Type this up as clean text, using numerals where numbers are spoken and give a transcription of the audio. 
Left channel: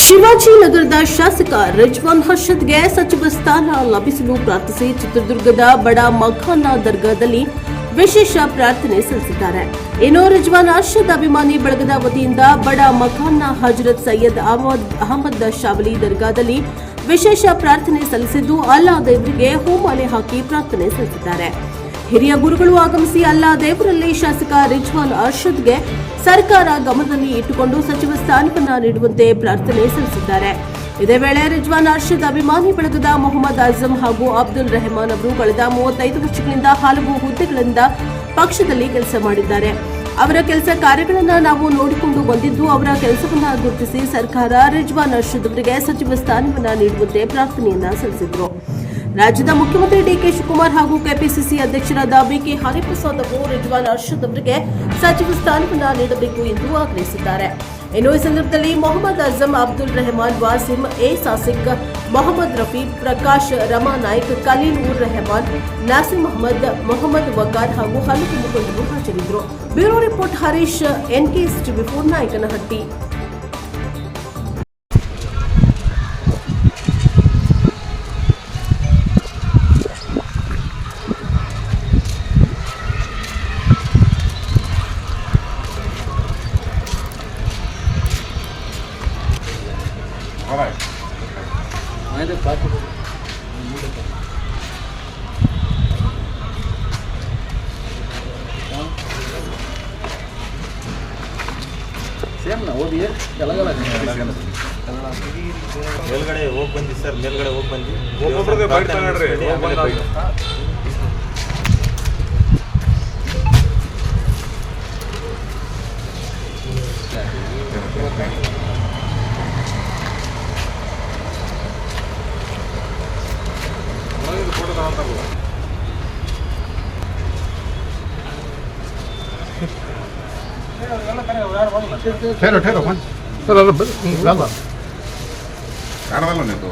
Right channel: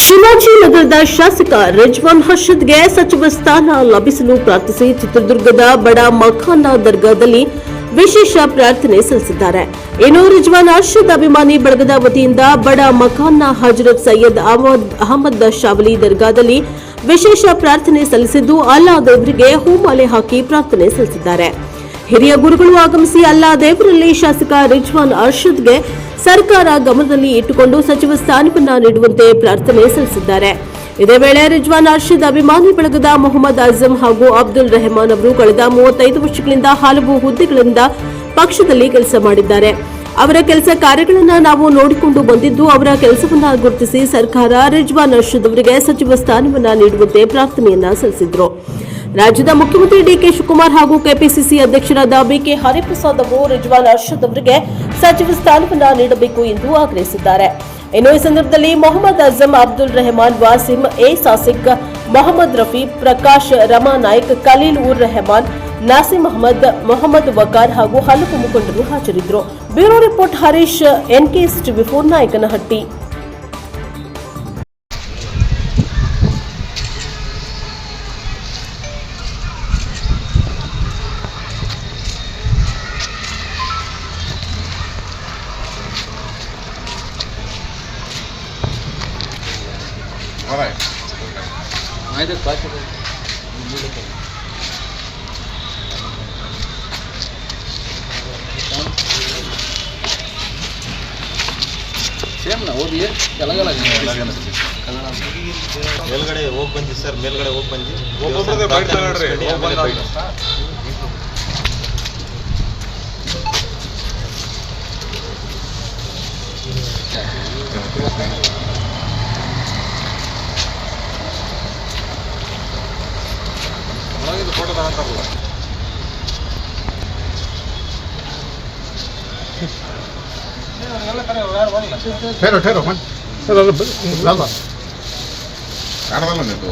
ಶಿವಾಜಿನಗರದ ಶಾಸಕ ರಿಜ್ವಾನ್ ಅರ್ಷದ್ಗೆ ಸಚಿವ ಸ್ಥಾನ ಲಭಿಸಲು ಪ್ರಾರ್ಥಿಸಿ ಚಿತ್ರದುರ್ಗದ ಬಡ ಮಖಾನ ದರ್ಗಾದಲ್ಲಿ ವಿಶೇಷ ಪ್ರಾರ್ಥನೆ ಸಲ್ಲಿಸಿದ್ದಾರೆ. ಇನ್ನು ರಿಜ್ವಾನ್ ಅರ್ಷದ್ ಅಭಿಮಾನಿ ಬಳಗದ ವತಿಯಿಂದ ಬಡ ಮಖಾನ್ನ ಹಜರತ್ ಸೈಯದ್ ಅಹಮದ್ ಶಾವಲಿ ದರ್ಗಾದಲ್ಲಿ ವಿಶೇಷ ಪ್ರಾರ್ಥನೆ ಸಲ್ಲಿಸಿದ್ದು ಅಲ್ಲಾ ದೇವರಿಗೆ ಹೂಮಾಲೆ ಹಾಕಿ ಪ್ರಾರ್ಥನೆ ಸಲ್ಲಿಸಿದ್ದಾರೆ. ಹಿರಿಯ ಗುರುಗಳು ಆಗಮಿಸಿ ಅಲ್ಲಾ ದೇವರಲ್ಲಿ ಶಾಸಕ ರಿಜ್ವಾನ್ ಅರ್ಷದ್ಗೆ ಸರ್ಕಾರ ಗಮನದಲ್ಲಿ ಇಟ್ಟುಕೊಂಡು ಸಚಿವ ಸ್ಥಾನವನ್ನ ನೀಡುವಂತೆ ಪ್ರಾರ್ಥನೆ ಸಲ್ಲಿಸಿದ್ದಾರೆ. ಇದೇ ವೇಳೆ ರಿಜ್ವಾನ್ ಅರ್ಷದ್ ಅಭಿಮಾನಿ ಬಳಗದ ಮೊಹಮ್ಮದ್ ಆಜಂ ಹಾಗೂ ಅಬ್ದುಲ್ ರೆಹಮಾನ್ ಅವರು ಕಳೆದ 35 ವರ್ಷಗಳಿಂದ ಹಲವು ಹುದ್ದೆಗಳಿಂದ ಪಕ್ಷದಲ್ಲಿ ಕೆಲಸ ಮಾಡಿದ್ದಾರೆ. ಅವರ ಕೆಲಸ ಕಾರ್ಯಗಳನ್ನು ನಾವು ನೋಡಿಕೊಂಡು ಬಂದಿದ್ದು, ಅವರ ಕೆಲಸವನ್ನ ಗುರುತಿಸಿ ಸರ್ಕಾರ ರಿಜ್ವಾನ್ ಅರ್ಷದ್ ಅವರಿಗೆ ಸಚಿವ ಸ್ಥಾನವನ್ನ ನೀಡುವಂತೆ ಪ್ರಾರ್ಥನೆಯನ್ನ ಸಲ್ಲಿಸಿದರು. ರಾಜ್ಯದ ಮುಖ್ಯಮಂತ್ರಿ ಡಿಕೆ ಶಿವಕುಮಾರ್ ಹಾಗೂ ಕೆಪಿಸಿಸಿ ಅಧ್ಯಕ್ಷರಾದ ಬಿಕೆ ಹರಿಪ್ರಸಾದ್ ಅವರು ರಿಜ್ವಾನ್ ಅರ್ಷದ್ ಅವರಿಗೆ ಸಚಿವ ಸ್ಥಾನವನ್ನ ನೀಡಬೇಕು ಎಂದು ಆಗ್ರಹಿಸಿದ್ದಾರೆ. ಇನ್ನು ಈ ಸಂದರ್ಭದಲ್ಲಿ ಮೊಹಮ್ಮದ್ ಅಜಂ, ಅಬ್ದುಲ್ ರೆಹಮಾನ್, ವಾಸಿಂ, ಎ ಸಾಸಿಕ್, ಮೊಹಮ್ಮದ್ ರಫಿ, ಪ್ರಕಾಶ್, ರಮಾ ನಾಯ್ಕ್, ಖಲೀಲ್ ಉರ್ ರೆಹಮಾನ್, ನಾಸಿಮ್ ಅಹಮದ್, ಮೊಹಮ್ಮದ್ ವಕಾರ್ ಹಾಗೂ ಹಲವು ಮುಖಂಡರು ಹಾಜರಿದ್ದರು. Bureau report Harish, NKS-TV4 Nayakanahatti. All right. Same ನಾ ಓದಿ ಕೆಳಗಲ ಮೇಲ್ಗಡೆ ಹೋಗಿ ಬಂದಿ ಸರ್, ಮೇಲ್ಗಡೆ ಹೋಗಿ ಬಂದಿ ಫೋಟೋ ತಗೊಂತಾರಲ್ಲ ಕಾಣವಲ್ಲ ನಿಂತು